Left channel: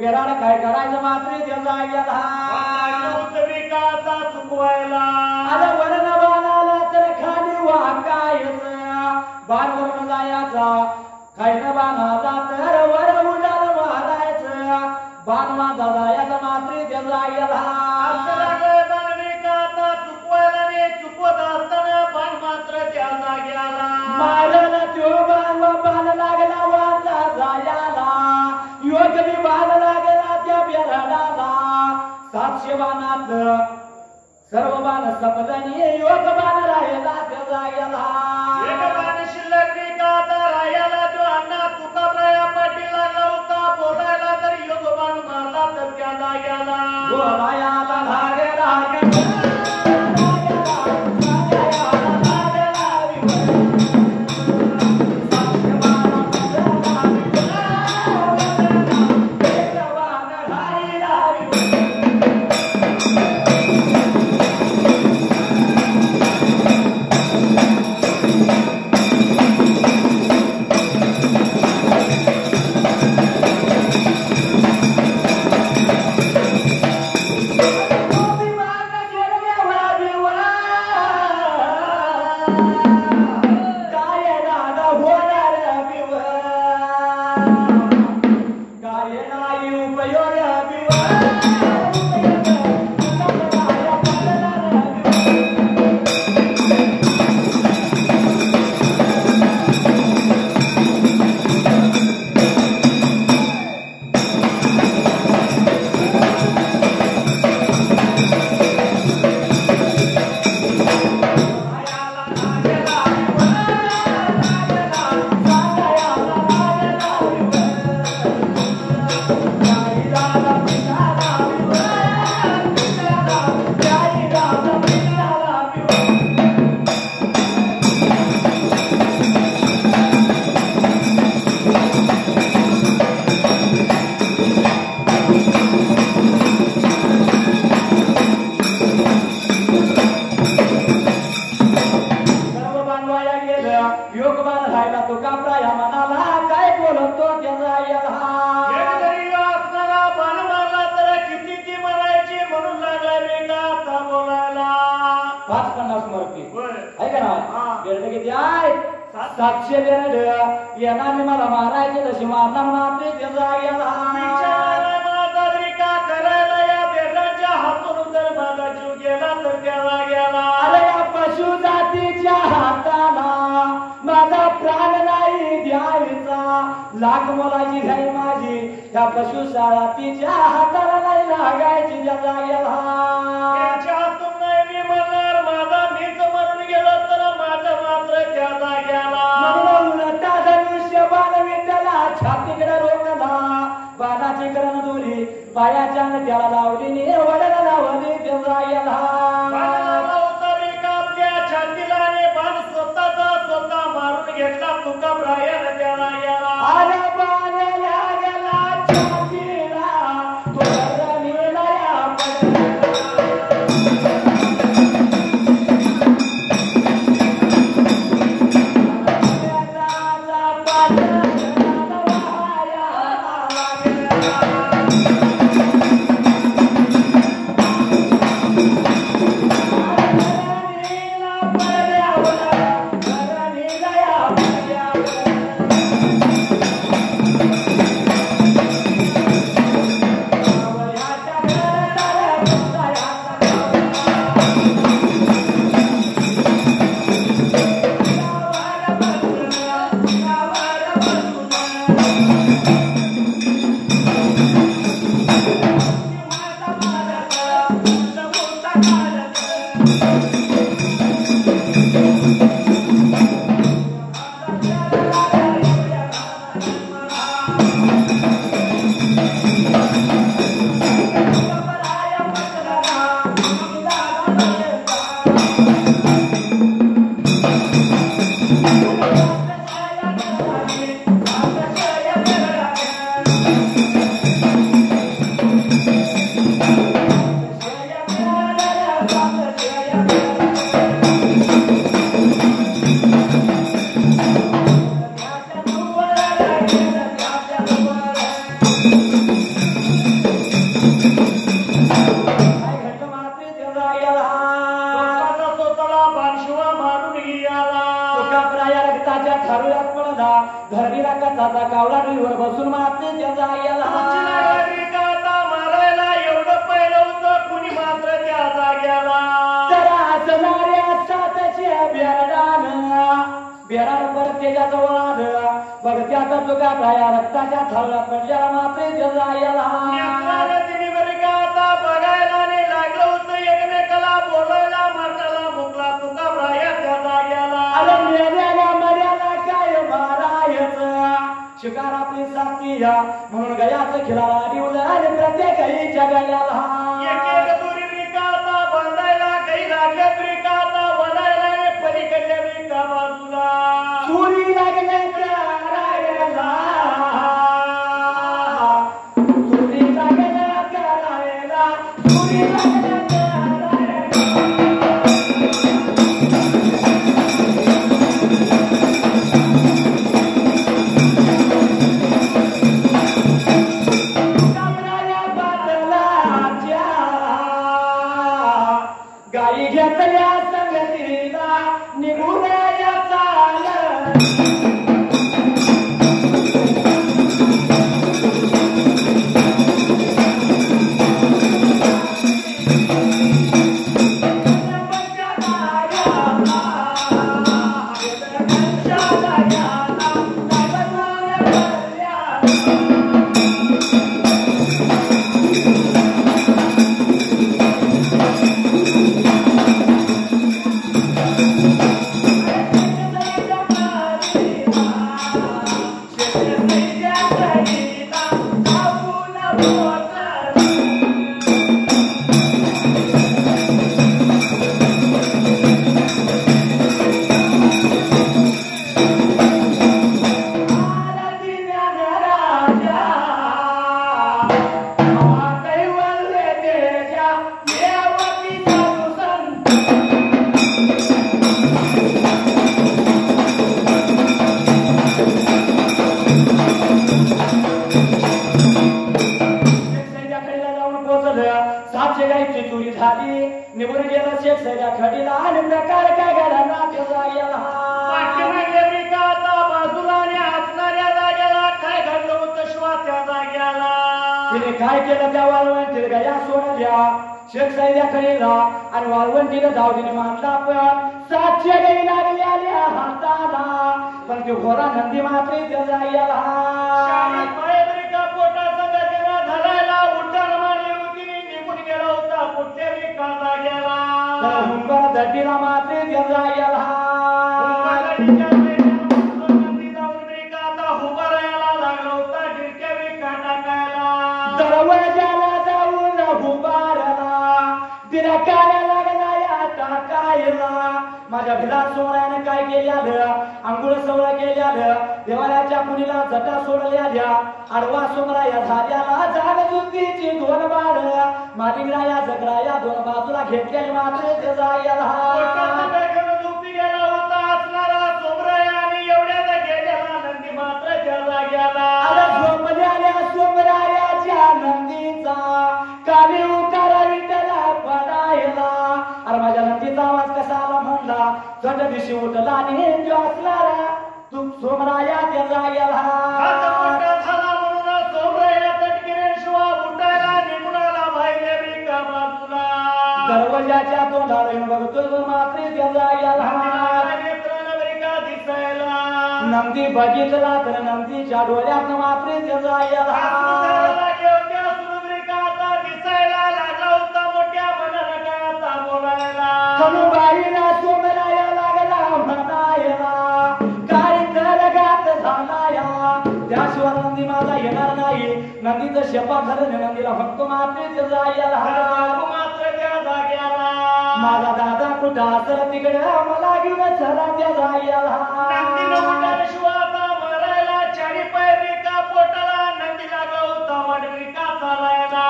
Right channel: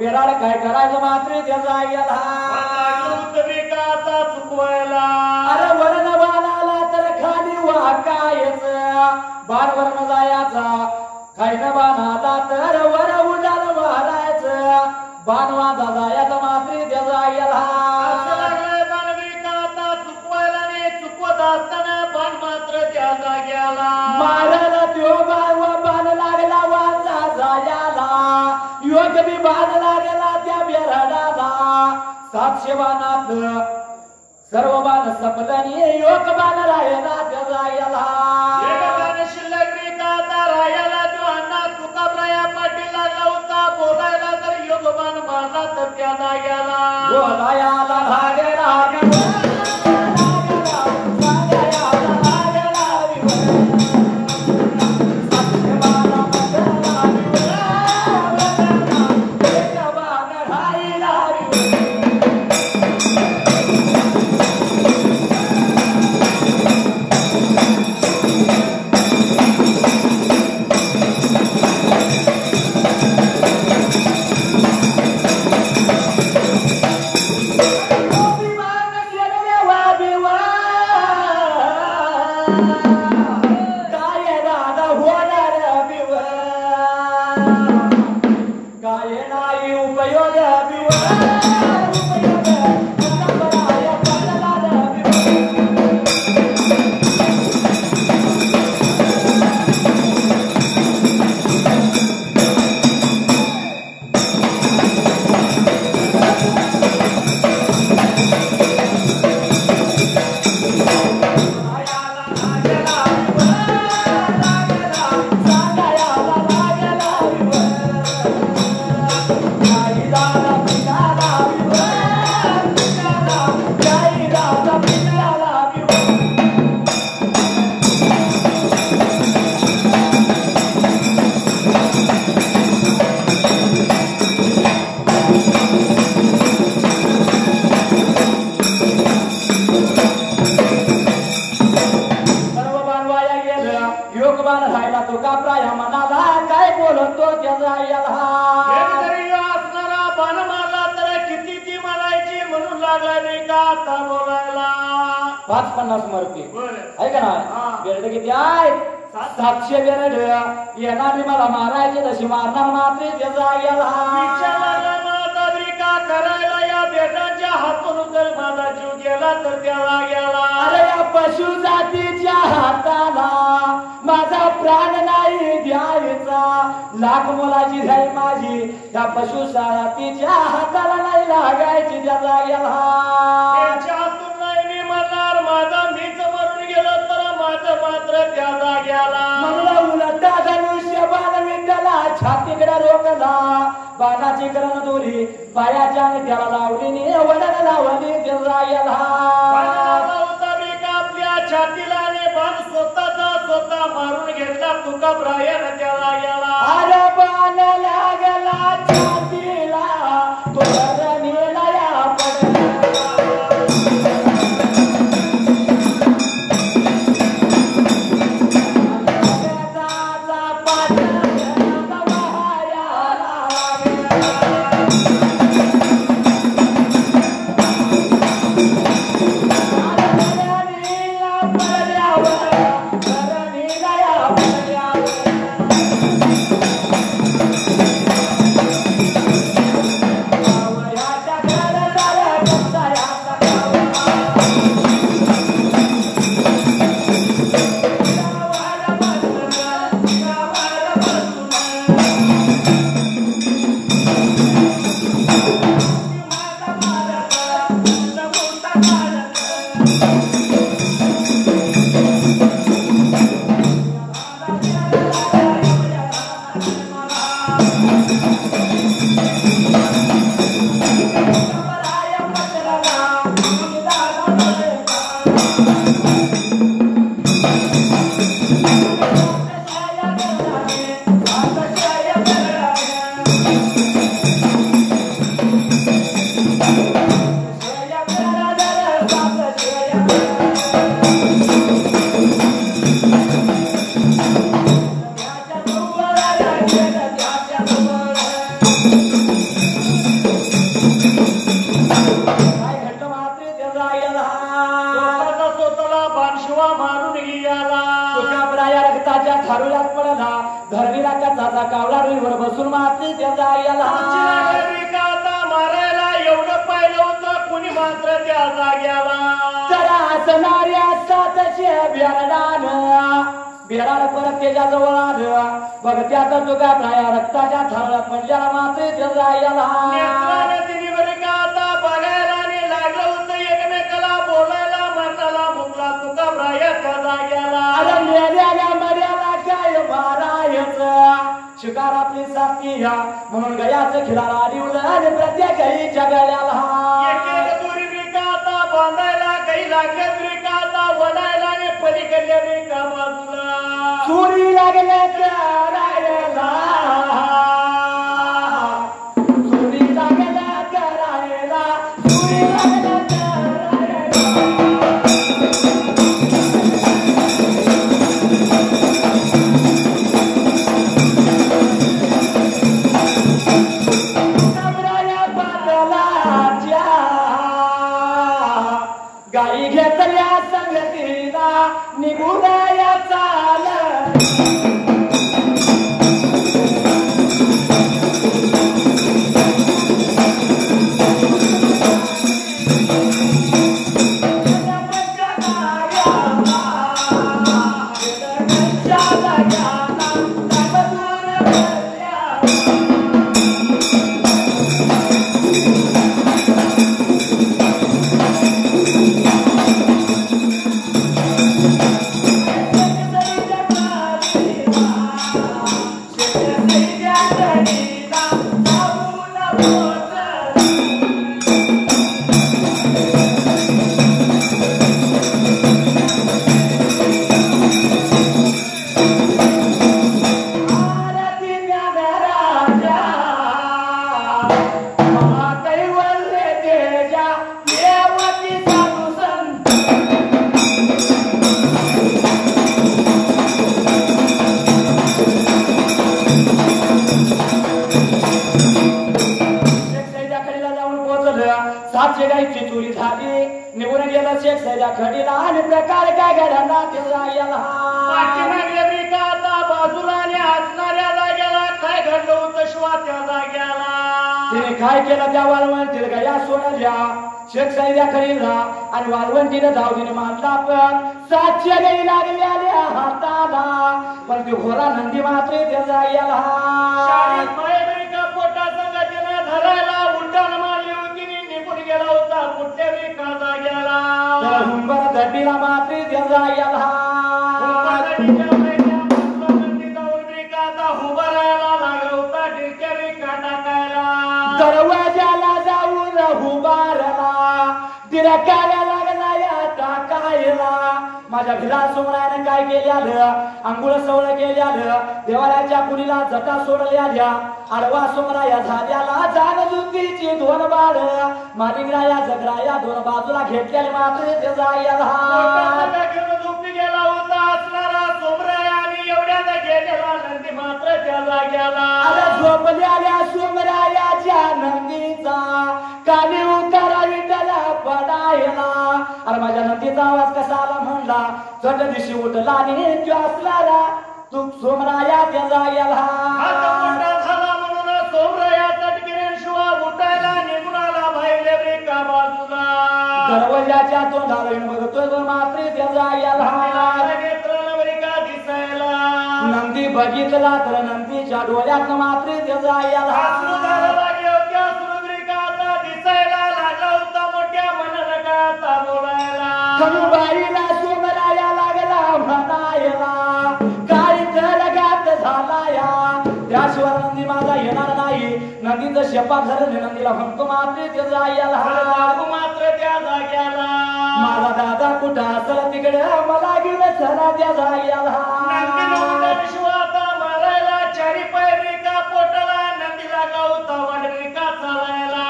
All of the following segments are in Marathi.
बेराड काय करायचं मात्र त्याचा गेला चुकवायला अरे वरण बाणाला तर खाली वाकायचं बाण वरण जायचा खायचं बाणाला तर वर उडाल मारायचं बाण वाजा जायचा मात्र त्याचा गेला असं लागलंय बाणविकाचा चुकवायला ने चुकवत असताना बाण मात्र त्या जाग्याला मारला त्यो बाण लागला वाजा जायला योग बी बाण लागला त्या बेराडाला 700 बाणातलं सर्व बाण सपलनी योग बाण राहिला त्या जाग्याला एक बाण शिल्लक विकाता रायाला जो अण्णा तुकाब्राया पाटील लागला होता बोलायला तर योग बाण मारला तर त्या जाग्याला बोलायाला लागला मला मारायचे तशी मारणार मात्र त्याचा करायला या बेटाच्या हातून जर माझा जीव गेला तर त्याला गेला अरे या पशु जातीच्या हाताला माझा प्राण नाही द्यायचा लाख मोलाची जाई माझी या पशु जातीच्या हाताला नाही लागायची त्याचा त्यांच्या हातून नाही मी म्हणणार माझा मीच मरून गेलो तर माझं मात्र त्याला गेला उलटा धनुष्य बाण विद्याला छातीकडे रोखला बाणाची करण दोरी पायाच्या त्याला लावली वडाला लावली त्याला गेला आपल्या छातीला बाण स्वतः मारून घेतला तुकाब्रायानं त्याला गेला अरे बाण लागला छातीला रस्त्यात तुका प्राया रक्ताच्या थरला पडल्याला मात्र त्याचा याला नेत्राने तिने बरी का आता बघायला आणि लागलं होतं एकमेकाला बोलायला म्हणाला मुकला तुका प्राया त्या जाग्याला अरे मेल्याला मर्याला काय मारायचं शिकार आपली साथी या म्हणून गयाचं खिलारा डिवलं आणि प्रत्येक जगायला एक एक दुरी रिका आता बांधायला काही लागल्यात रिका आता वडायला आणि पलीकडल्या रिका बाजूला चोरी लागल्या करायला चोरी लागल्या करायला चोरी लागल्या गाई घेतल्या संगतीला निघून या चाल सातशे गायची चोरी झाली निघून गेला शेख सैदा खडीला आणि प्रकार काय घडला त्याचा याला पाठीमागल्या रिका आता बाजूला आणि असणाऱ्या जाग्याला काय घडलं होतं शिवा त्या जाग्याला तिने काय केलं त्या वाळवंटीला गया सोडल्या शेख सैदा खडीला आणि वाळवंटीने धावडीने मारला पण 700 गाई लागल्या हाताला पण ते घोडा नंदी मात्र त्याचा याला शाळेत मायेबरिका पोटा संघातीनं धरायला उड्डाण मारली होती आणि निघून गेला होता कुठल्या रिका जाग्याला हुंबर दड्डीला मात्र त्याचा याला दरवाजाला जाऊन उभारला तिला काय लागला या टाकायला माझ्या भिला सोमरायाने काय केल्यालं अंघोळ सवळ केल्यालं देवाऱ्याच्या कुणीला जटा सोडल्याल्या आडवा सोमराया झाल्याला जाग जुतीची 2 बाळ मालिंगराया जगराया 2 बाजूला घेतलेले मात्र त्याचा याला झोपी गेला होता असणारा सोमराया आणि एवढ्यात गेलेला नंदी मात्र त्याला गेला झोपल्याल्या सोमरायाच्या नंदीचा काली उतारा विटाला पडायला अरे माझ्या नंदीचा आवाज कसा आला म्हणला चट दिशी उठला आणि तो असणारा तू सोमराया त्याचा याला हात मोठा झाला म्हणून सोमराया चटकीने शिवा उठायला निघूनाला बाहेरल्या रिका बाजूला दरवाजाच्या तोंडाला बघतोय मात्र त्याचा याला नेत्रनवरिका दिसायला नंदी बघितला तर नंदीच्या डोळ्यात मात्र त्याचा याला खनुबाईला सोमराया लागला म्हणायला काय जगात झालाया त्याशिवाय नंदी माझा येणार नाही नंदीचं शपथ झालं नंदीला म्हणतो मात्र त्याचा याला मात्र त्या जाग्याला माझा दादा कुठं असं तिकडे मला घेऊन चला त्याचा याला शिवाता मारायला 4 पाय रिका पोटाला नंदी लागला होता वाट रिका चालायला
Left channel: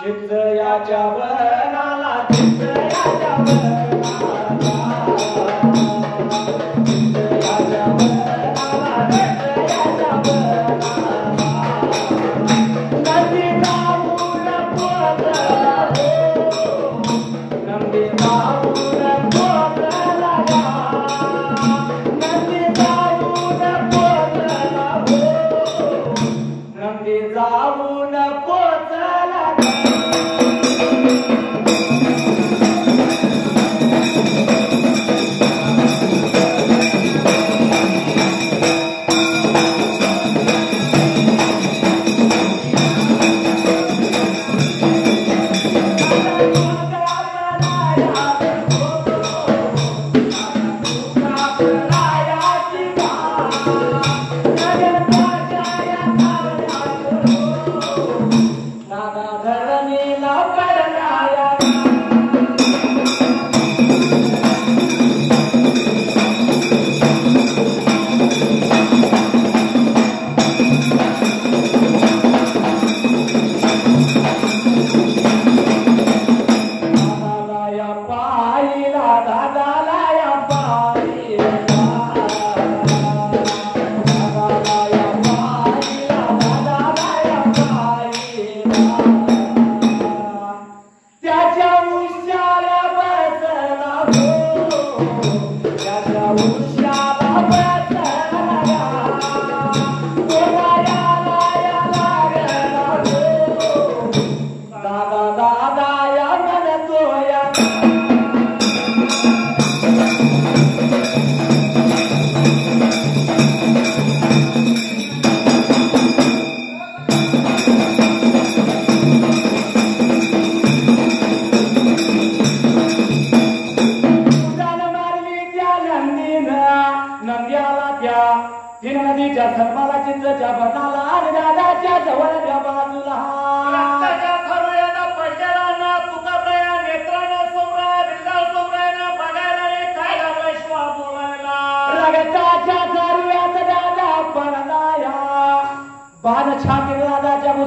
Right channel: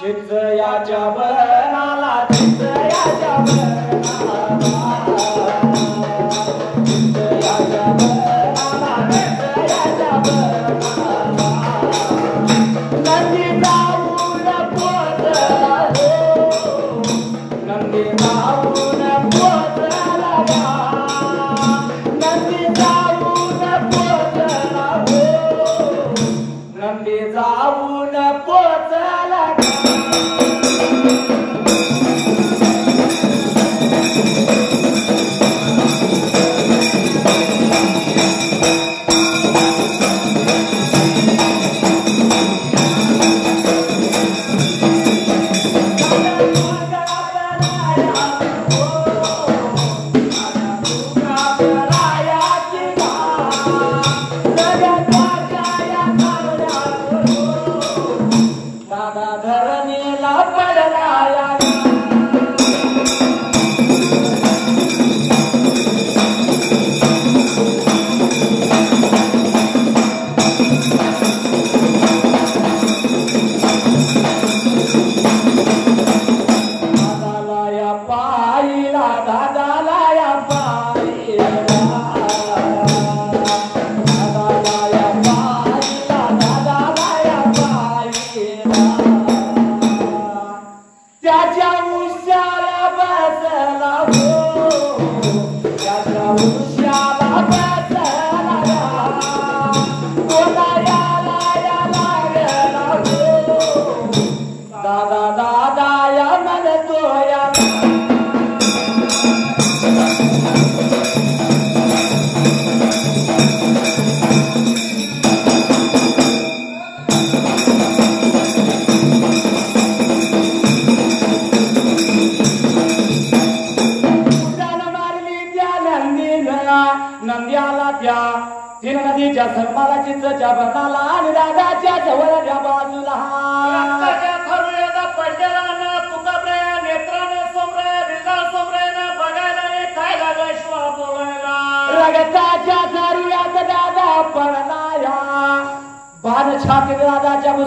चिंचयाच्या बरणाला चिंचयाच्या जाऊन पोचला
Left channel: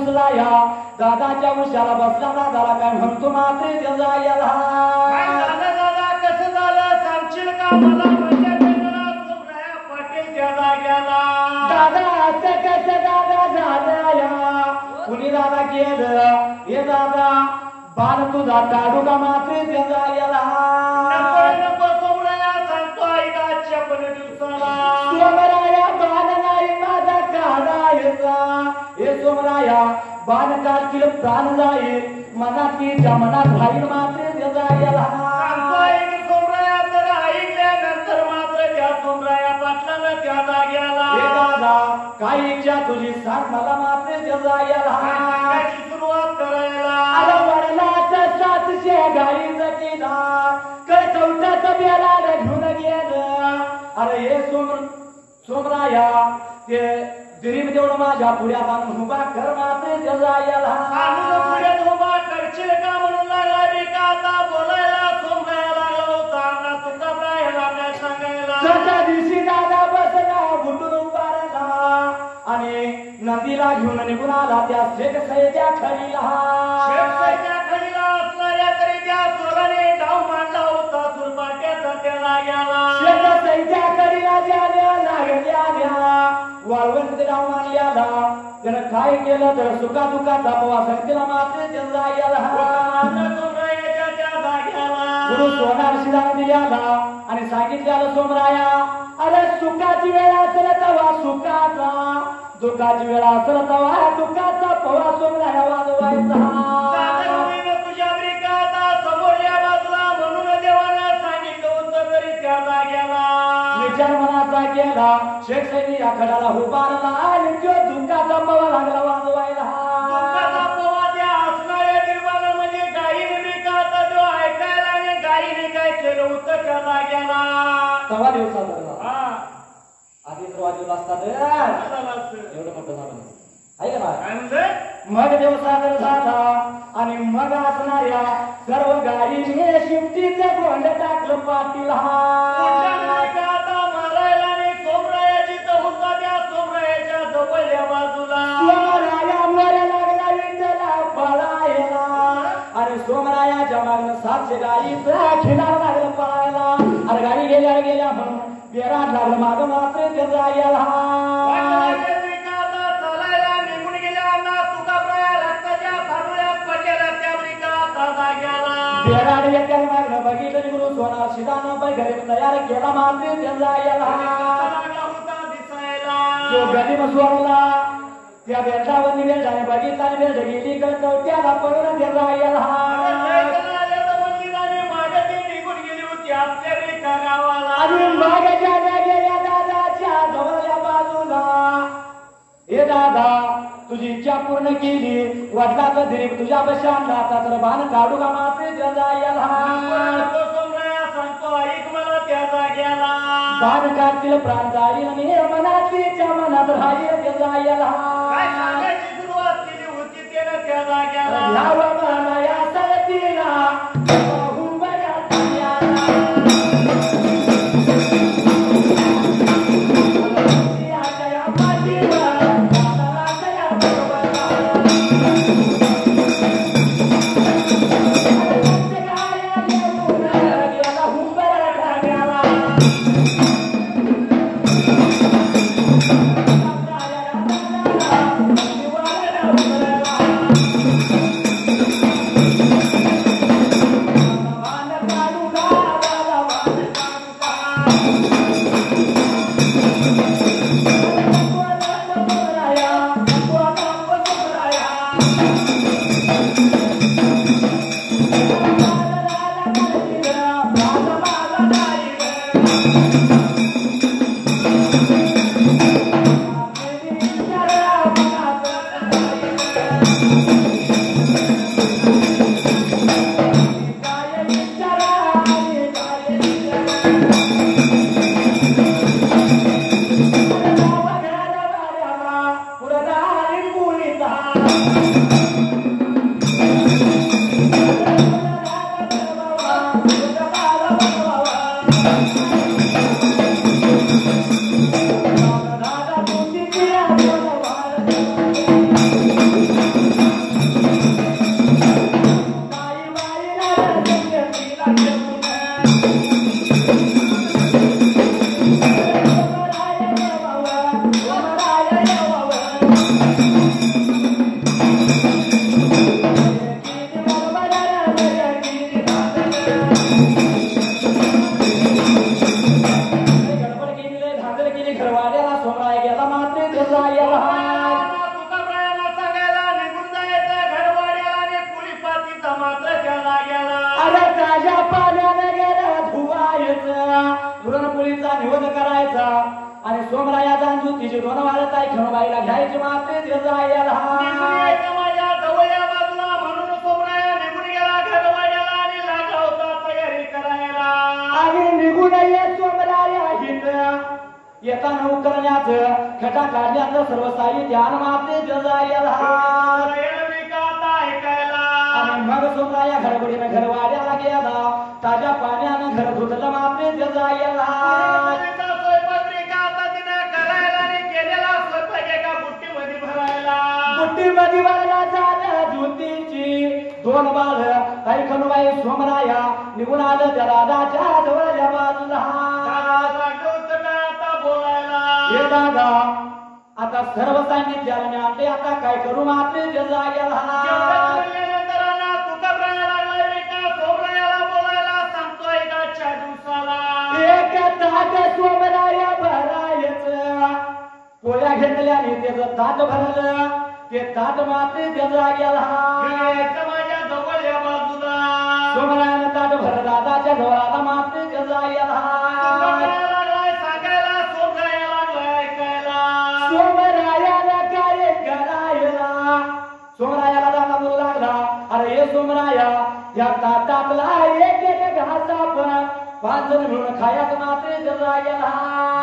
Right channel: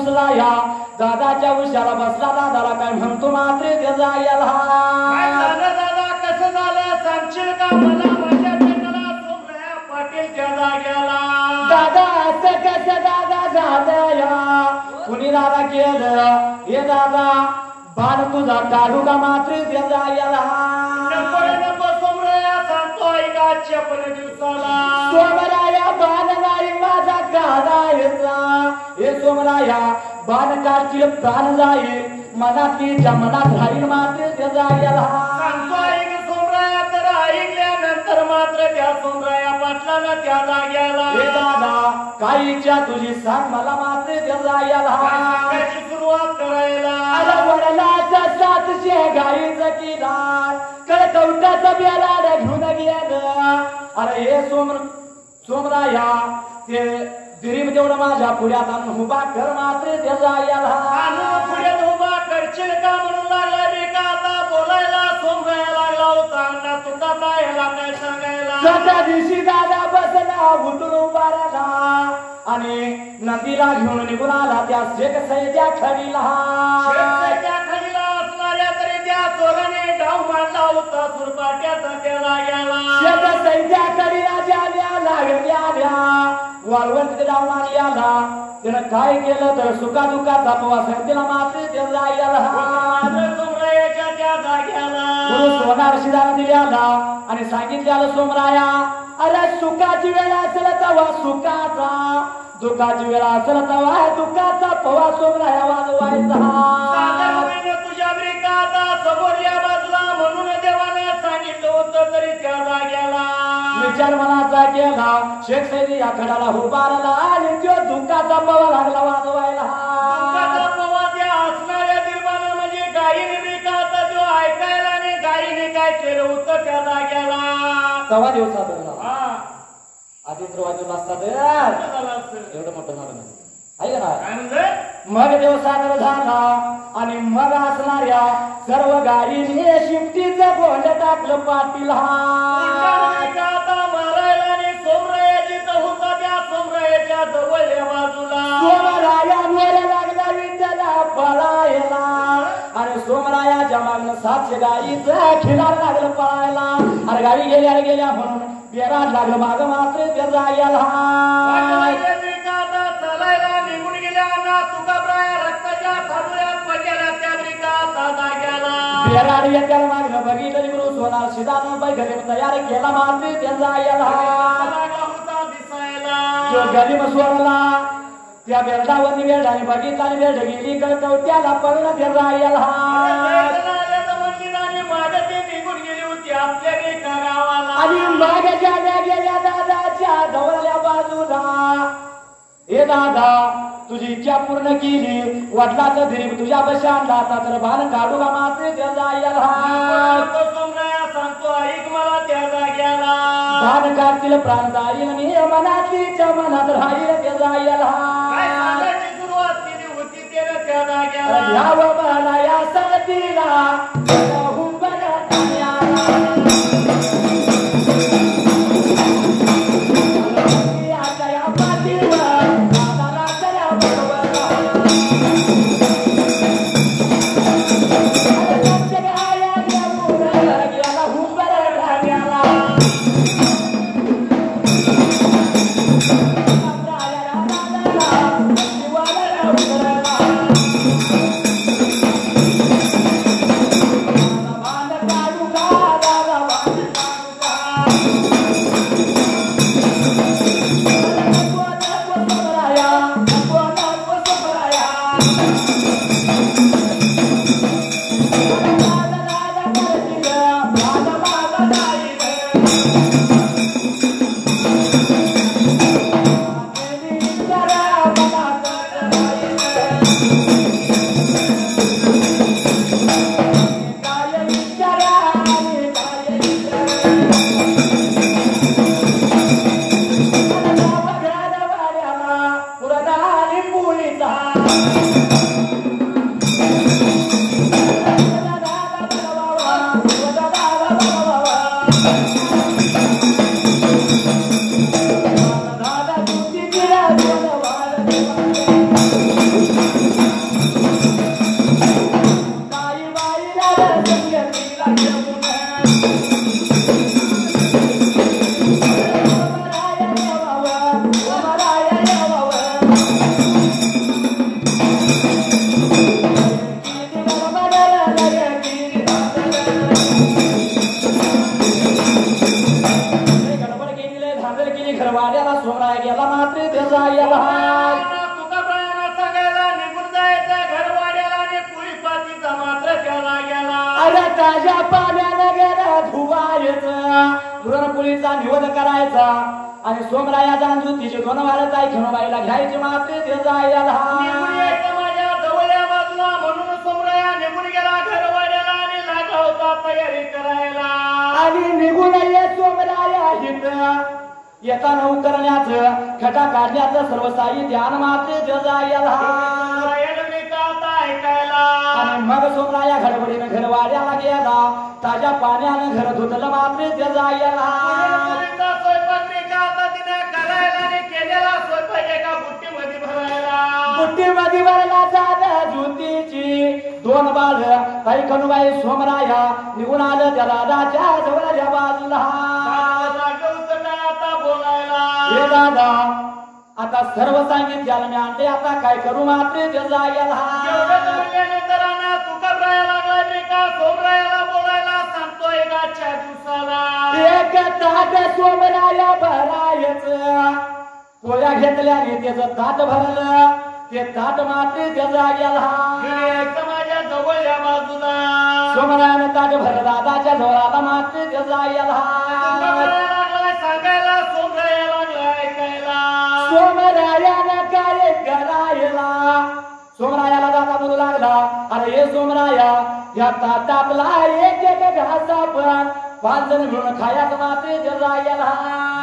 उसला या दादाच्या उशाला बसला दादाला काय म्हणतो मात्र त्याचा काय याला झालं दादा कसं झालं सांगशील का मला माझ्या पेटला सोमराया पाटील त्या जाग्याला दादा असं कसं दादा झालं या कुणी दादा केलं हे दादा बाण तुझा काढू का मात्र त्याचा याला नको सोमराया सांगतो ऐका आजच्या पहिले दिवसाला सोमराया बाण नाही माझा काढायचा हे सोमराया बाण काढतील प्राण जाईल मनात राहील मात्र त्याचा याला सांगतो ऐक सोमराया तर ऐकल्यानंतर मात्र त्या सोमराया पाटलाला त्या जाग्याला हे दादा काय इच्छा तुझी सांग मला मात्र त्याचा याला सांगायची सुरुवात करायला आला वडलाचा 700 गाईचा किनार कळकवटाचा बेला घेऊन गेलं अरे हे सोमराया ते गरीब जेवढं माझ्या पुढ्यात आणून उभा कर मात्र त्याचा याला आणून पुढ्यात उभा करशील का म्हणून लागला मी का आता बोलायला सोमराया लागला होता ना तुका काय ह्याला काय सांगायला सध्या दिवशी दादा बसला उठून उभा राहिला आणि नदीला घेऊन निघून आला त्या शेकसईच्या खडीला शेकसईच्या खडीला असणाऱ्या तरी त्या चोराने डाव मांडला होता सुरपाट्याचा त्या जाग्याला शेकसईच्या खडीला ज्याला लागल्या वाळवंत डाव मारल्याला त्यानं काय केलं तर सुखा दुखाचा पवा संतीला मात्र त्याला याला सोमरायाच्या त्या जाग्याला गुरु सोनार शिदान दिल्याला आणि सांगितल्याला सोमराया अरे सुखाची वेळ असेल तेव्हा सुखाचा दुःखाची वेळ असेल तेव्हा दुःखाचा पवा सोमराया वाजवायचा सागर होईन तुझ्या ब्रिकाता समोरल्या बाजूला म्हणून देवानं सांगितलं होतं तरी त्या जाग्याला विचार मनाचा केला शेख सैनी या खडाला उभारला आणि तो दुःखाचा पवा लागला वाजवायला दुःखाचा पवा त्या असणाऱ्या निर्माण म्हणजे गायीने ब्रिकाता जो ऐकायला आणि गायीने काय केलं होतं त्या जाग्याला तवा दिवसा धरला हा आधी तर वाजवला असता तर झालं असतं. एवढं मोठं झालं नसतं आहे का नाही काय म्हणलं मग देव सादर झाला आणि मग असणाऱ्या सर्व गाडीने शिफ्टीचं गोंड टाकलं पाटील आता मारायला आणि सोमरायाची तर होता त्या सोमरायाच्या जवळच्या बाजूला सोमराया मला लागला विठ्ठला पळायला आणि सोमरायाच्या मागणं 700 गाईचं खिलार लागलं पळायला अरे गाडी गेल्या म्हणून बेरा लागलं माग मात्र त्याचा याला चालायला निघून गेल्या ना तुकाब्राया रक्ताच्या थारोळ्यात पडलेला त्या ब्रिकाता जाग्याला बेराड येत्या मागणं बघितलं गुरु सोनार शिदानं बाई घरी तयार केला मात्र त्याचा याला लागला होता दिसायला तो गरीब सोडला त्या बेटावरती बेटाने बघितला बेट गेली कवट्याला पगला त्याचा याला आणि मागच्या गेल्या दादाच्या जवळच्या बाजूला हे दादा तुझी इच्छा पूर्ण केली वडिलाचं दिरीब तुझ्या बशांना आता तर भान काढू का मात्र त्याचा याला सोमराया सांगतो ऐक मला त्या जाग्याला भान काढतील प्राण जाईल आणि मनातली मनात राहील त्याचा याला काय सांगायची सुरुवात केली होती त्यानं त्या जाग्याला या बाबाला या सतीला अरे ताज्या पाण्याने गेला धुवायचं पुरणपोळीचा निवड करायचा आणि सोमराया जाणून तिची दोन वाळत आहे खणबाईला घ्यायची मात्र ते जायला निघून यायचं माझ्या जवळच्या बाजूला म्हणून सोमराया निघून गेला घरवाड्याला आणि लागला होता तयारी करायला. आणि निघून ये सोमराया हित येताना उतरण्याचं खटा काढण्याचं सर्व साहित्य आणि मात्र ते जायला आणि मग सोमराया गडबडीने घरवाड्याला गेला ताज्या पाण्यानं घर धुतलं मात्र ते जायला बुट्टीमध्ये भरायला झालं ज्योतीची दोन बाळ ऐकूनबाई सोमराया निघून आलं त्या दादाच्या जवळच्या बाजूला आता बोलायला हे दादा आता सर्व सांगितलं मी आणले आता काय करू मात्र ते जायला एक ताट सोमराया भरायचं पोळ्या घेतल्याने त्याचं ताट भरलं ते ताट मात्र ते जायला माझ्या जवळच्या बाजूला सोमरायानं ताट भरलं दादाच्या जवळाला मात्र ते जायला सांगायला सोमराया लागला ऐकायला सोमरायाला काय करायला सोमरायाला दादा बोलू लागला अरे हे सोमराया या ताटातला एक एक घासा पण 5 जण मिळून खायचं मात्र ते जायला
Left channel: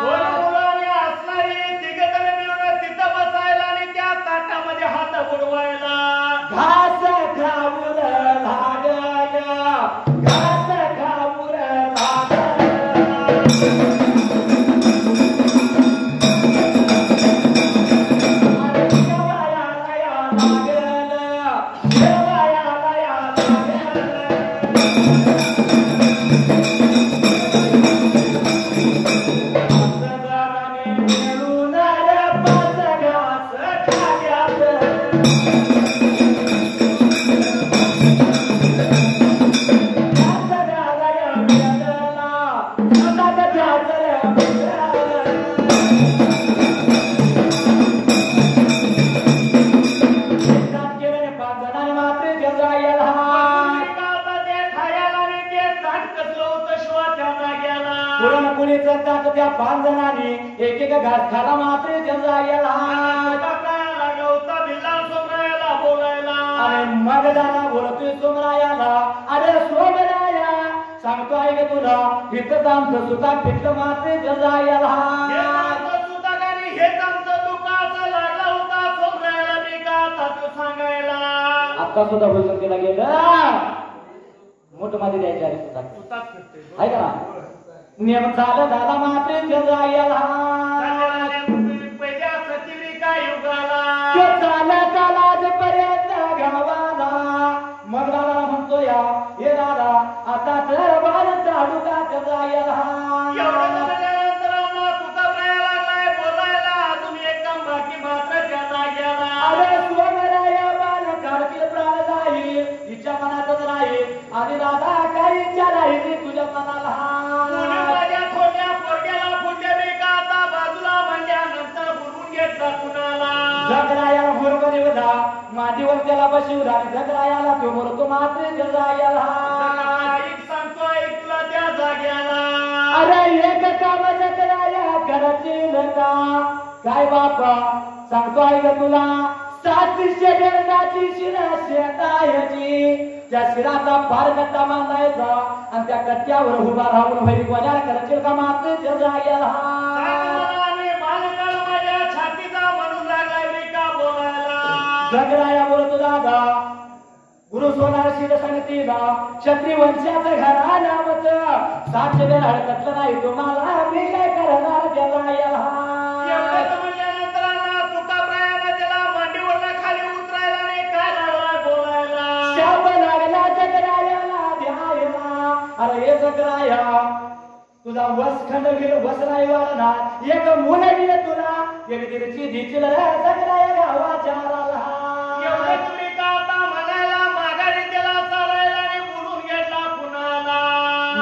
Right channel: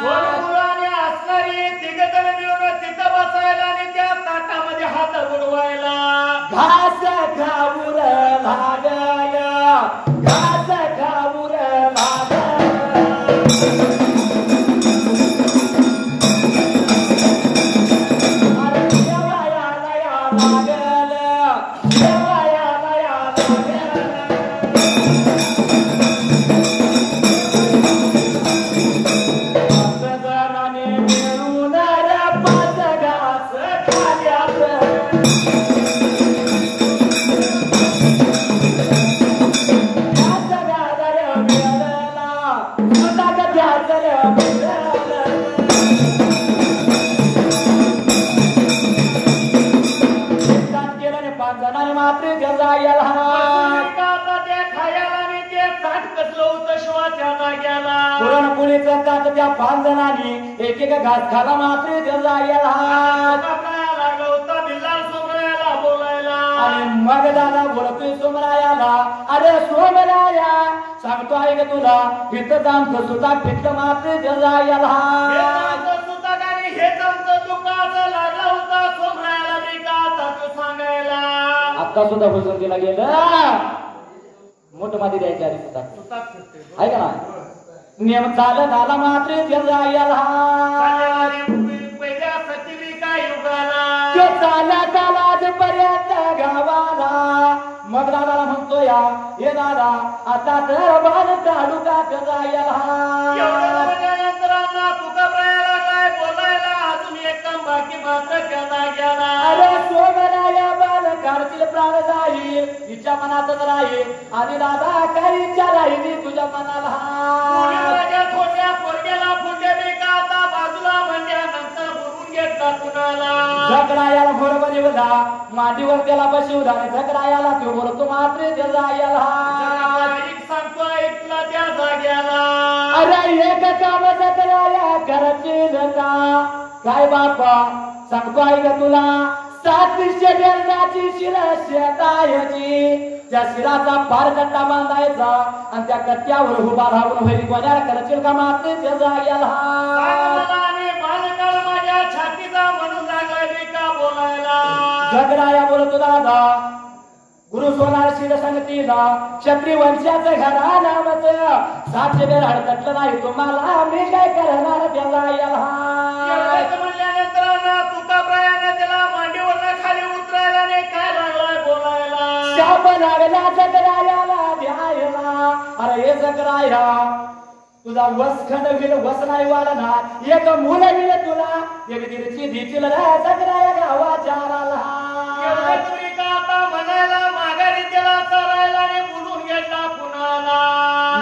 दोन मुलांनी असणारी 3 जण मिळून तिथं बसायला आणि त्या ताटामध्ये हात बुडवायला घास खाऊन लागल्या घास खाऊन त्या 5 जणांनी एक एक घास खाला मात्र ते जायला लागला होता बिल्ला सोमरायाला बोलायला आणि मग दादा बोलतोय सोमरायाला अरे सोमराया सांगतो आहे का तुला इथं आमचं सुद्धा फिटलं मात्र ते जायला सुद्धा आणि हेच आमचं दुःखाचं लागला होता सोमरायाला मी का आता तो सांगायला आता सुद्धा हुजूरला गेलं मोठ मध्ये द्यायच्या सुद्धा आहे का नियम चालत आला मात्र ते जायला पहिल्या सतीविका युगाला ते चालत आला आजपर्यंत गावाला मग दादाला म्हणतो या हे दादा आता तर बाल चालू का ते जायला तुकाब्रायाला काय बोलायला अजून एक काम बाकी मात्र त्याला गेला अरे सोमराया बाल करतील प्राण जाईल तिच्या मनातच राहील आणि दादा काही इच्छा राहिली तुझ्या मनाला माझ्या थोड्या पोरग्याला फुटले नाही का आता बाजूला म्हणल्यानंतर बोलून घेतला कुणाला झगडायाला बरोबर येऊला मांडीवर त्याला बसवला आणि झगडायाला तो बोलतो मात्र ते जायला सांगतो ऐक तुला त्या जाग्याला अरे एक काम झगडाया करतील का काय बापा सांगतो आहे का तुला 7 शेंड्याची शिरा शेतायची त्या शिराचा पार कट्टा बांधायचा आणि त्या कट्ट्यावर उभा राहून भरी बजार करशील का मात्र ते जायला माझ्या छातीचा म्हणून लागलाय मी का बोलायला झगडाया बोलतो दादा गुरु सोनार शिर सांगतीला क्षत्रिय वंशाचं घरा नामचं 7 बेर हडकटलं नाही तुम्हाला मी काय करणार त्याला म्हणल्यानंतर तुकाब्रायानं त्याला मांडीवरनं खाली उतरायला नाही काय लागलाय बोलायला शाप लागला झगडायाला द्यायला अरे हे झगडाया तुझा वसखंड गेल वस नाही वाढणार एक मुलं गेलं तुला एक दिवशी दिचील झगडाया गावाच्या तुम्ही का आता म्हणायला माघारी त्याला चालायला आणि बोलून घेतला कुणाला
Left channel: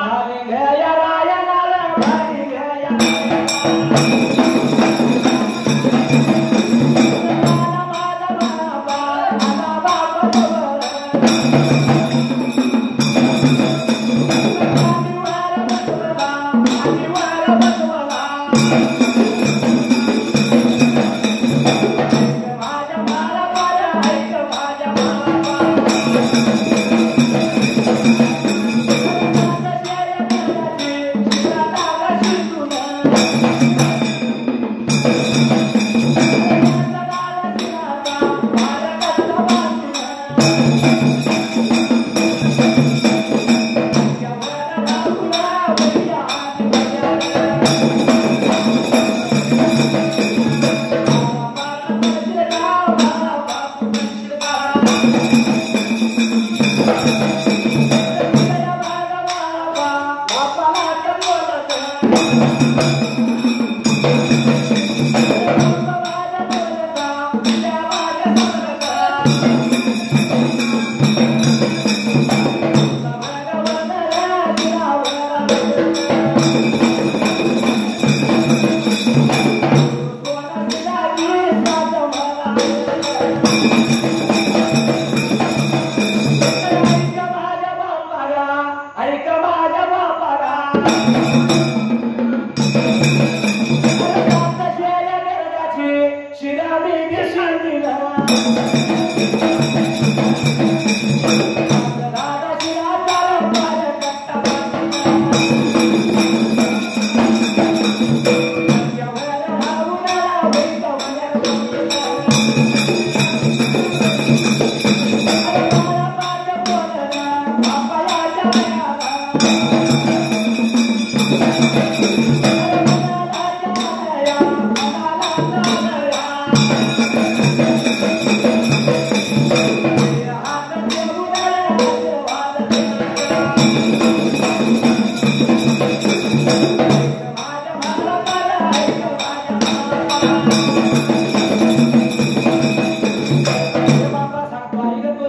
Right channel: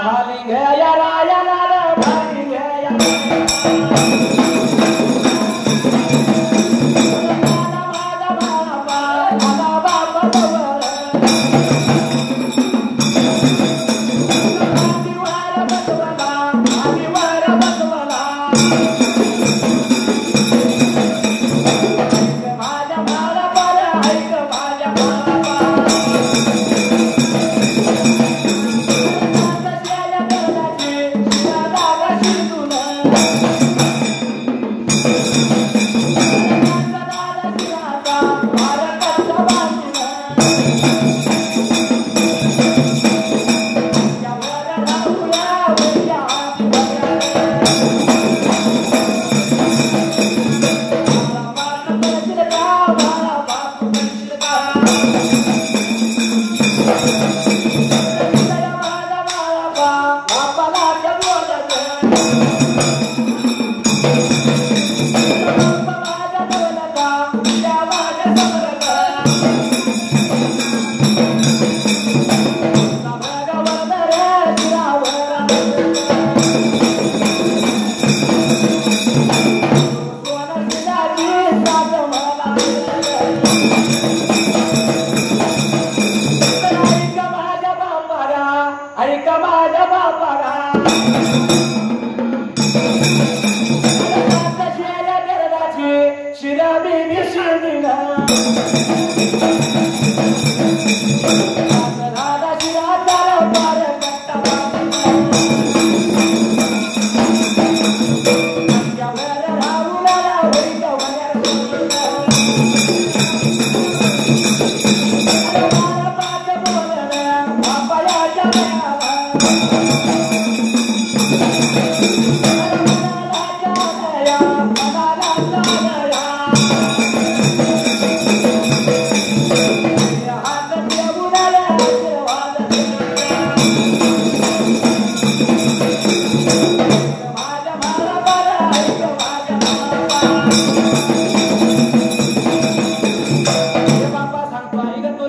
भारी घ्या राया भारी घ्या Thank you.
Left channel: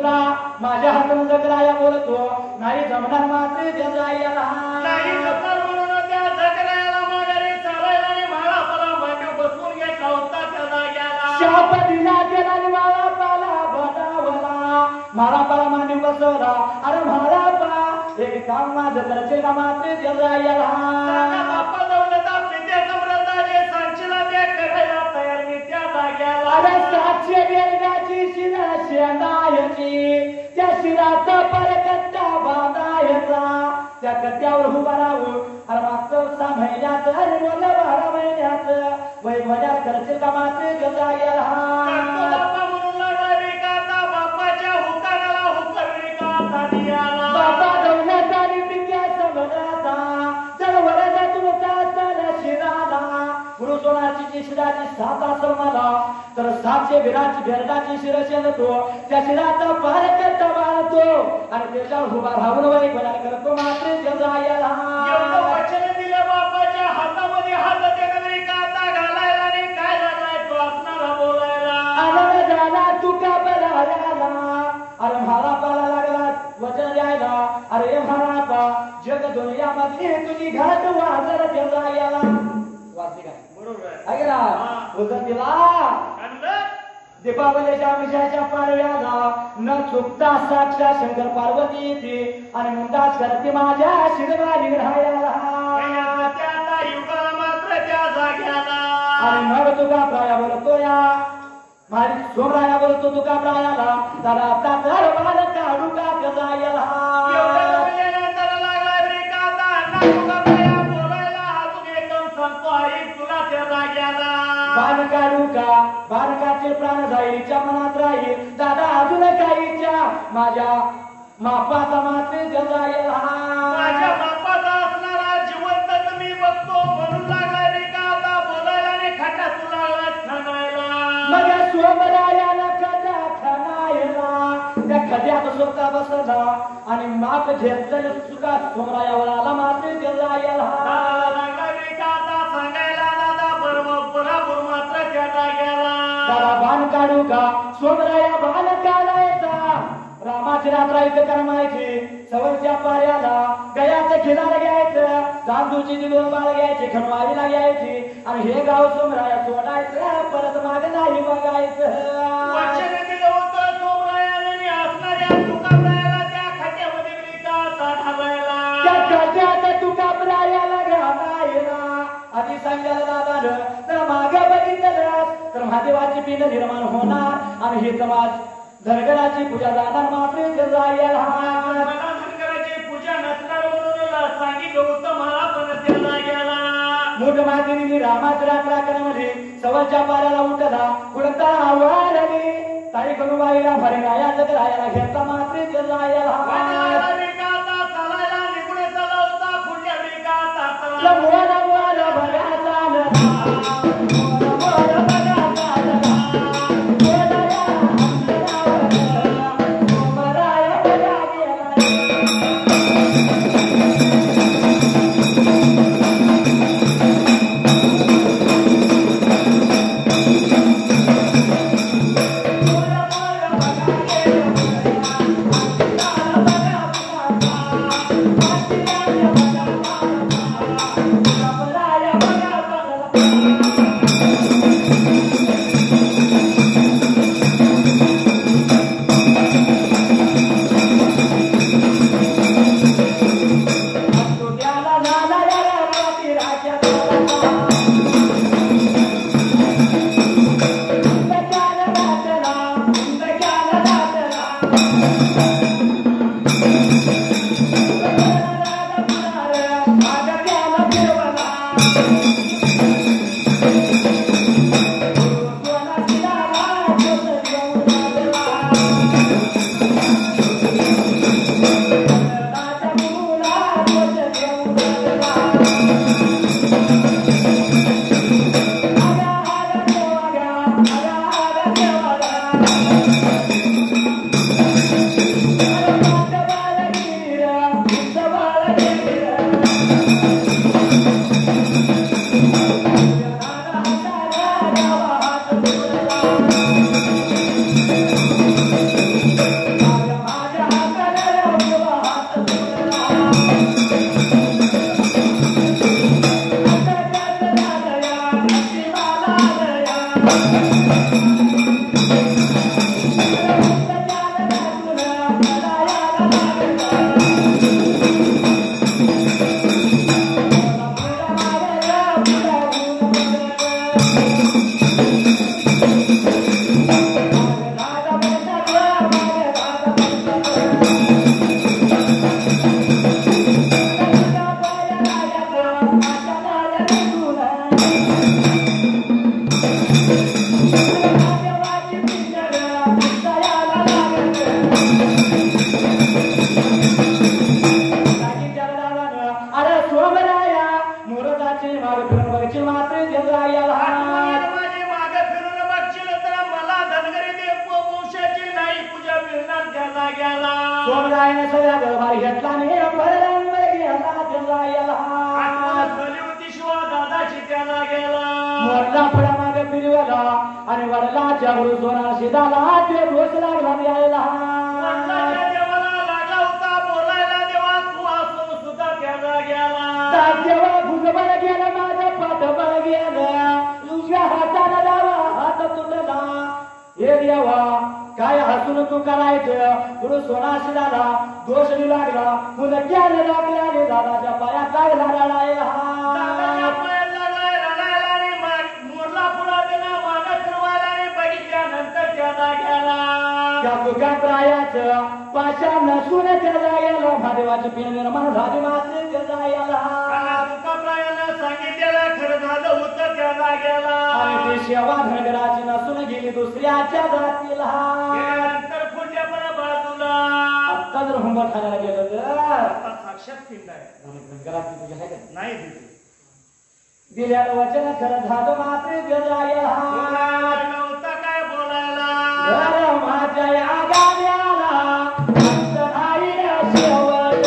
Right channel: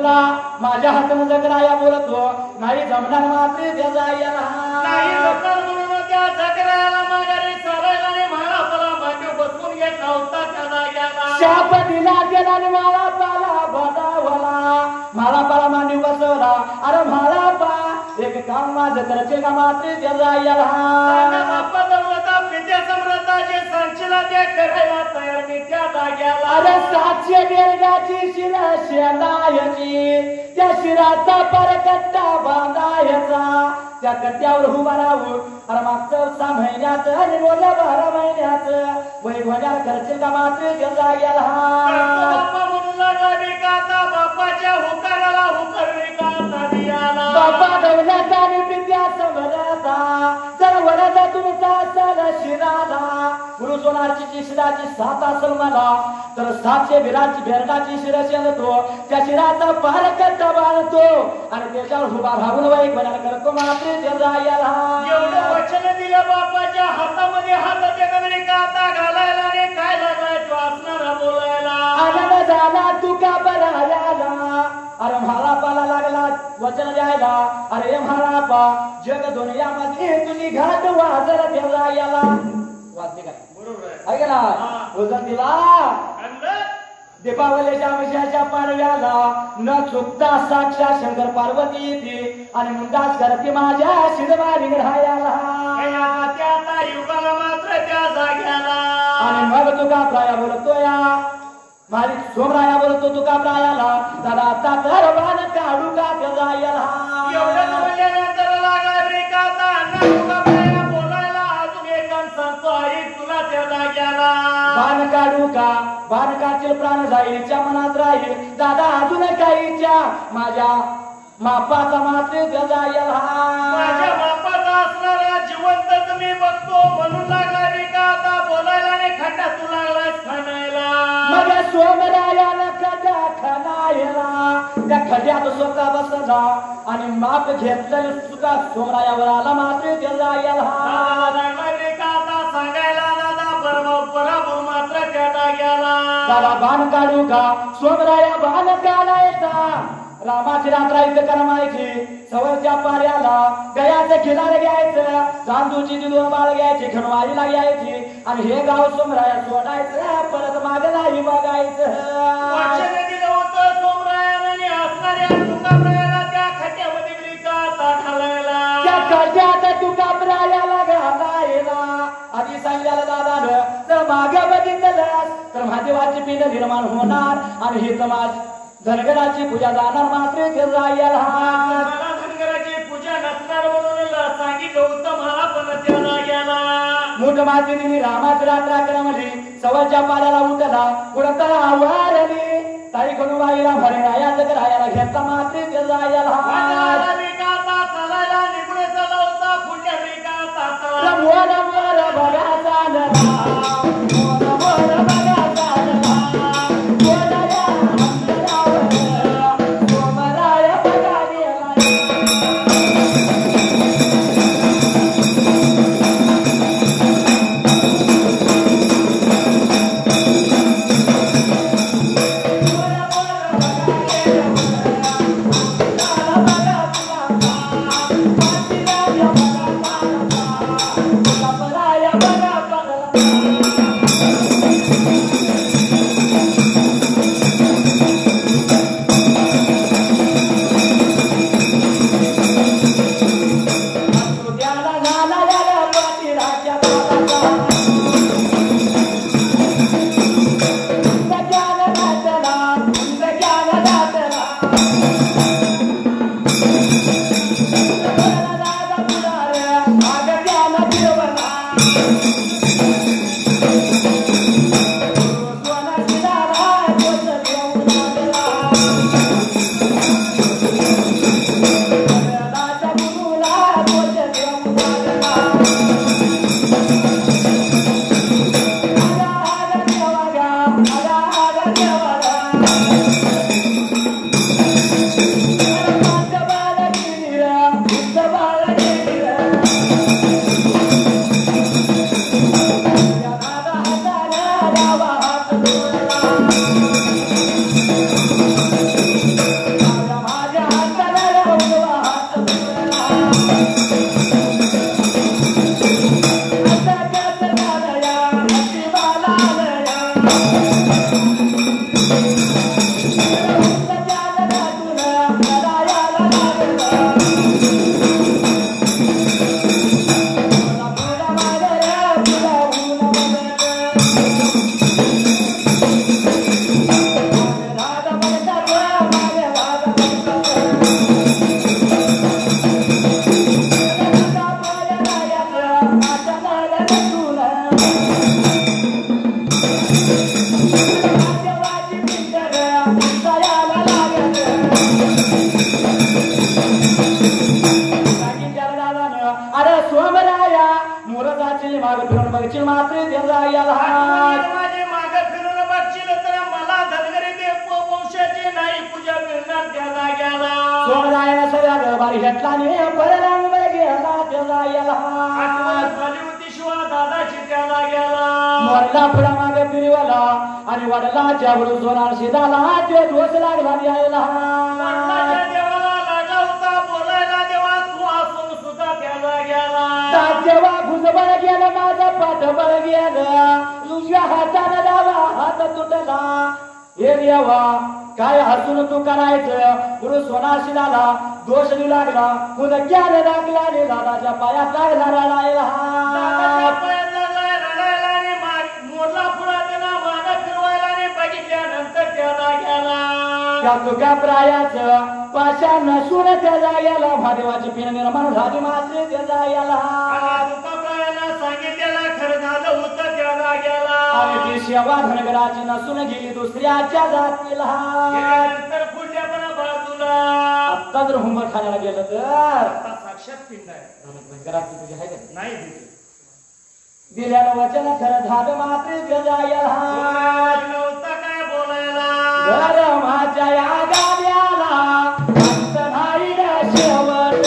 तुका माझ्या हातून जगराया बोलतो नाही जमणार मात्र त्याचा याला नाही जमणार म्हणून त्या जगरायाला माघारी सारायला आणि म्हाळापाला मांडी बसवून घेतला होता त्या जाग्याला. शाप दिला त्याला आणि म्हाळापाला बसावला म्हाळापाला मांडी बसवला. अरे म्हाळापा एक काम माझं करचे का मात्र त्याचा याला सांगा बाप्पा दौलता पिते समृद्धाचे सांचेला ते करायला तयार मी त्या जाग्याला. अरे 700 बेरगाची शिरा शेंडायची त्या शिराचा परकट्टा बांधायचा त्या कट्ट्यावर उभा राहून अरे मागचं 6 महिन्याचं आणि बोललं 12 महिन्याचं वैभवल्या खर्च का मात्र घेता गेला. बाप्पा म्हणून लागला विकाता बाप्पाच्या हुकाराला हुकार विकाता दियाला. बाप्पा दौलत आणि पित्या समजता जर वरदा तुमचा सण शिराला गुरु सोनाची शिराची 7 असेल मला तर 700 बेरडाची शिरा शेंदतो त्या शिराचा पारकट्टा बांधतो आणि त्याच्यावर उभा राहून वैभवल्या करतो मात्र घेता गेला. एवढं वचन दिलं बाप्पाच्या हातामध्ये हात त्यानं विकाता घालायला आणि काय लागलाय तो असणारा बोलायला. आनंद झाला तुका बरायला अरे म्हाळापाला लागला वचन द्यायला. अरे म्हाळापा जग दुनियामध्ये तुझी घाट वाजर ठेवला याला वाजते काय बरोबर आहे. आहे ना वचन दिला आणलं दीपावलीच्या वर्षाच्या पाडव्याला न चुकता साक्षात शंकर पार्वती येते आणि मुंडास करते माझ्या शिरवारी राहायला. त्या युगाला मात्र त्या जाग्याला. आणि मग तुका प्राया बोलतो या माझी सोमराया बोलतो तुका प्रायाला दादा आता दरबार काढू का त्याचा याला. एवढं बोलल्यानंतर लागला विकाता अण्णा तुका बाया बोलायला अजून एक सांगतो आई तुला त्या जाग्याला. बाण काढू का बाणकाचे प्राण जाईच्या मनात राहील दादा अजून काहीच्या माझ्या मापाचा मात्र त्याचा याला. माझ्या बापाचा असणारा जिवंतच मी बघतो म्हणून लागला विकाता बोलायला आणि खड्डा तू लागलास खाणायला. मग सोमरायाला खड्डा खाणायला त्या खड्यात स्वतः बसला आणि माप घेतलं सुद्धा सोमरायावर आला मात्र त्याचा याला. लागला विकाता सांगायला दादा बरोबर मात्र त्या जाग्याला. दादा बाण काढू का सोमराया बाण काढायचा रामाची रात्र इथं करमायची सवरच्या पाऱ्याला गयाचं खिलार घ्यायचं तांदूची दूध बाळ घ्यायची खणवारीला घ्यायची आणि हे गाव सोमराया सोडायचं परत माग नाही बघायचं. वचन दिलं होतं सोमरायाला आणि असणाऱ्या तुकाप्रायाला त्या खड्ड्यामध्ये विकाता ढालायला. त्या खड्ड्यात तुकाप्रायाला घालायला आधी सांगायला दादानं जर माग बघितलं तर महादेवाची पिंड निर्माण होणार आणि हे समाज धनगराची पूजा जाणार मात्र जायला. मला धनगराची पूजा नसणार म्हणून सांगितलं होतं मला पण त्या जाग्याला. मोठ मातेने रामाची रात्र क्रमली सवरच्या पाऱ्याला उठला कुडता आवारली ताई गणुबाईला भरी रायाचं रायाला घेता मात्र जायला. वाटला विकाता चालायला निघून चालला होता पुण्य विकाता चाला. मोर मोर भगाचा Bye. सोमरायनं सगळा गरबार घेतला ने पररांवर गेला त्याला याला आठवण झाली होती शिवा दादाची त्याला गेला मोरला पुढा मागे फिरवला आणि वडिलाच्या बरोबर शिदाला तो दोष लागला द्यायला वडिलाच्या देवाला लागला होता बोलायला देवा तू असून सुद्धा त्याला गेला जेव्हा भुजबळ गेलं माझं पाठबळ गेलं तुझ्या हाताला लावा हात तुटला हे देवा काय हसून तू करायचं गुरु सोनाशी दादा दोष लागला मुलं ज्ञान लागला रे दादाच्या पायात लागला रडायला दादाच्या पायात लागला रडायला आणि मोरला पुढा त्याला वानं फिरवायला आणि बघितल्यानंतर त्याला गेला त्या तुका प्रायाचं पाशा नसून त्याला गेला महादेवाची पिन निर्माण झाली मात्र त्याला गेला तुका प्रायाला सांगितलेला खरं झालं होतं त्याला गेला आणि ती शेवा धनगराची नसून गेली दुसऱ्याच्या जातीला गेल्यानंतर पुढल्यापणा बाजूला आता जर हुंबा खाण्याला गेलं तर आता साक्षात पिंड आहे धनगराची तुझी आहे का नाही दिली दिल्यानं वचन खरं झालं मात्र गजायला नव्हता काय बोलायला माझ्या या गाड्याला राहिला शेवट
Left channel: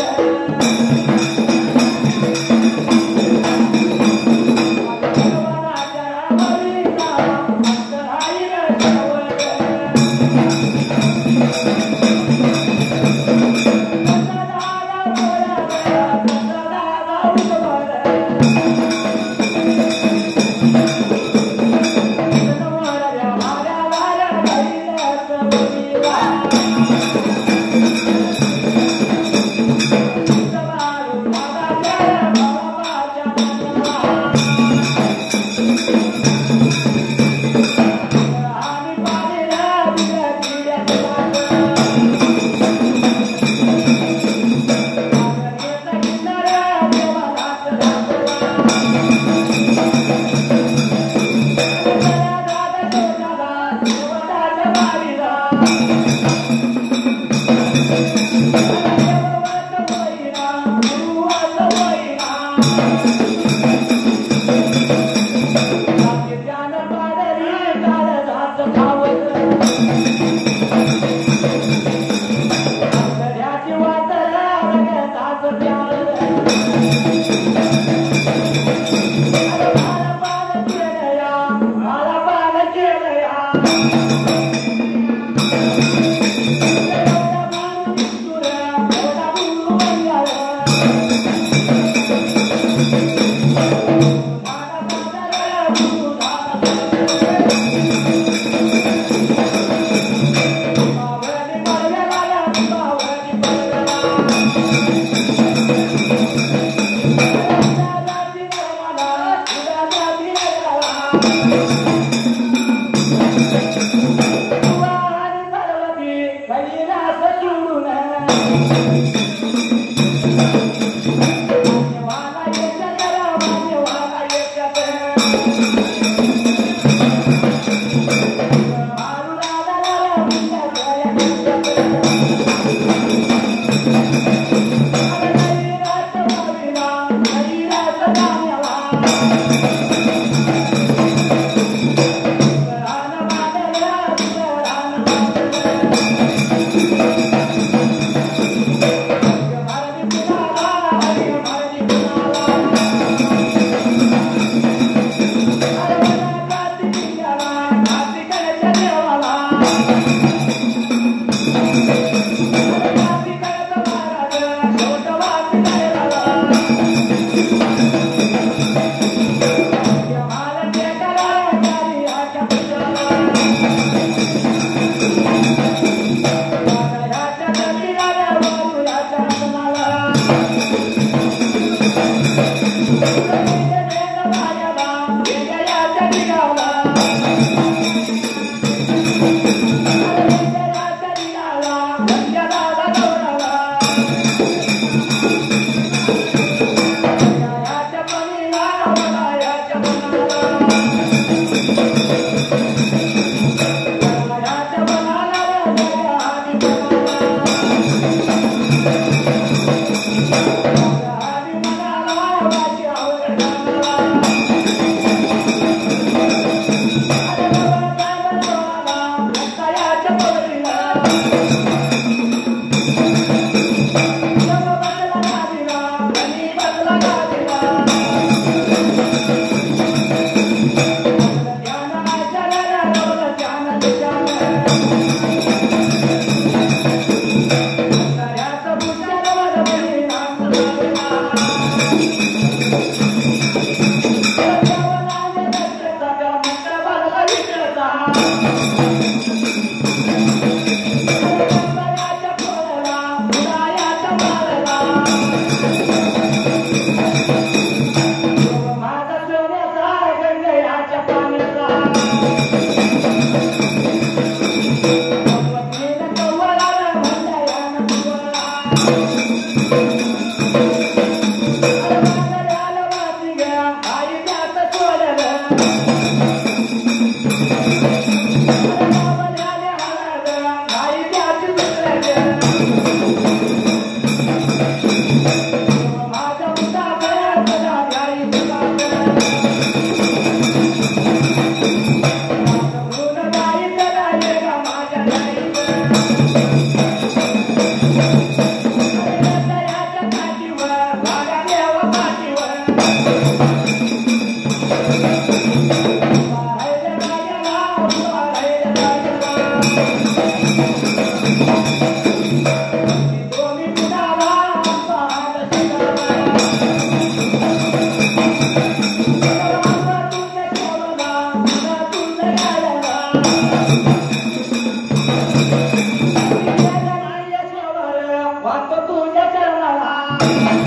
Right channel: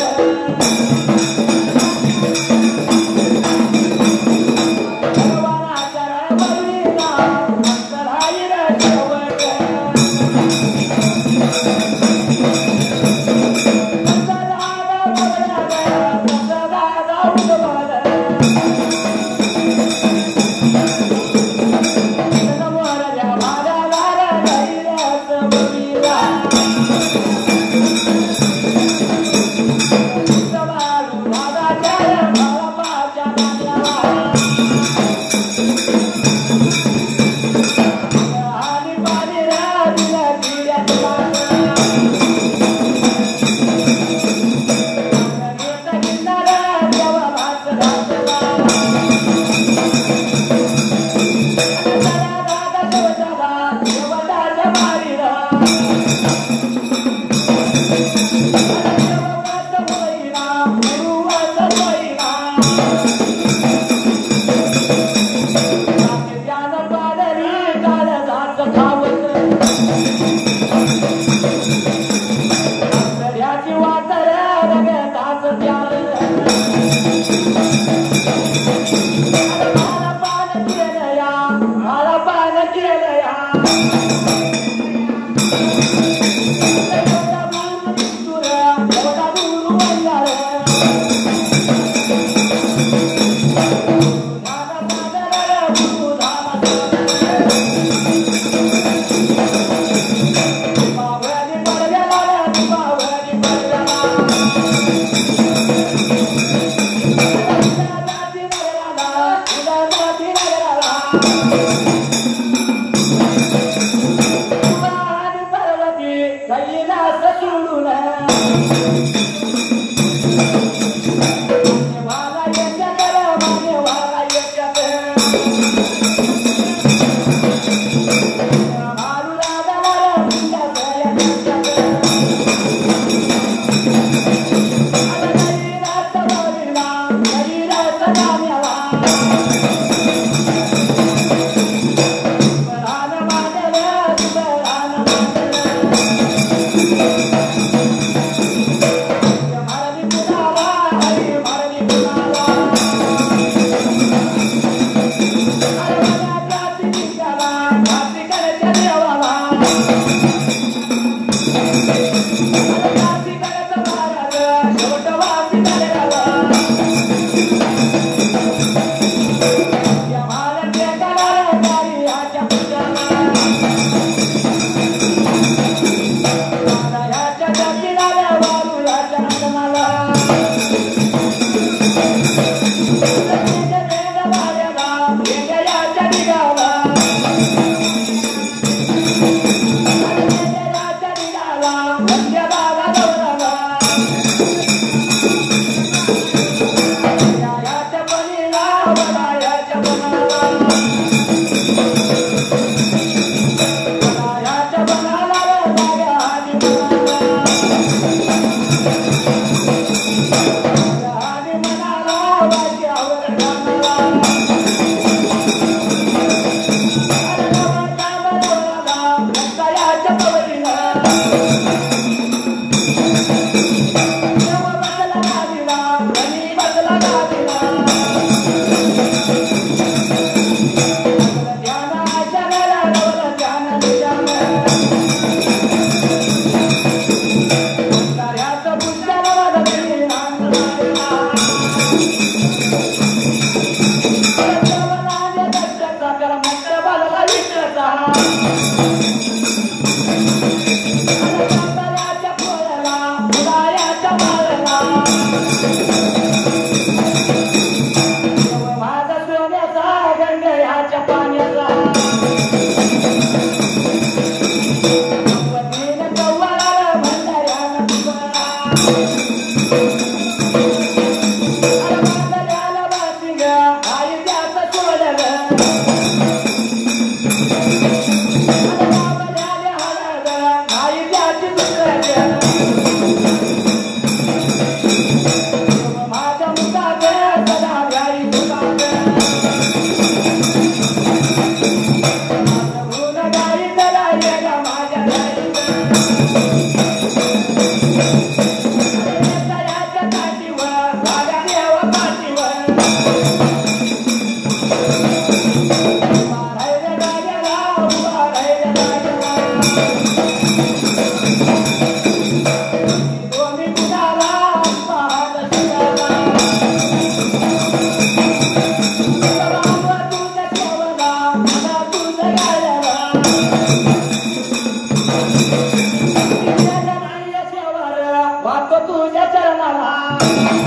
माझ्या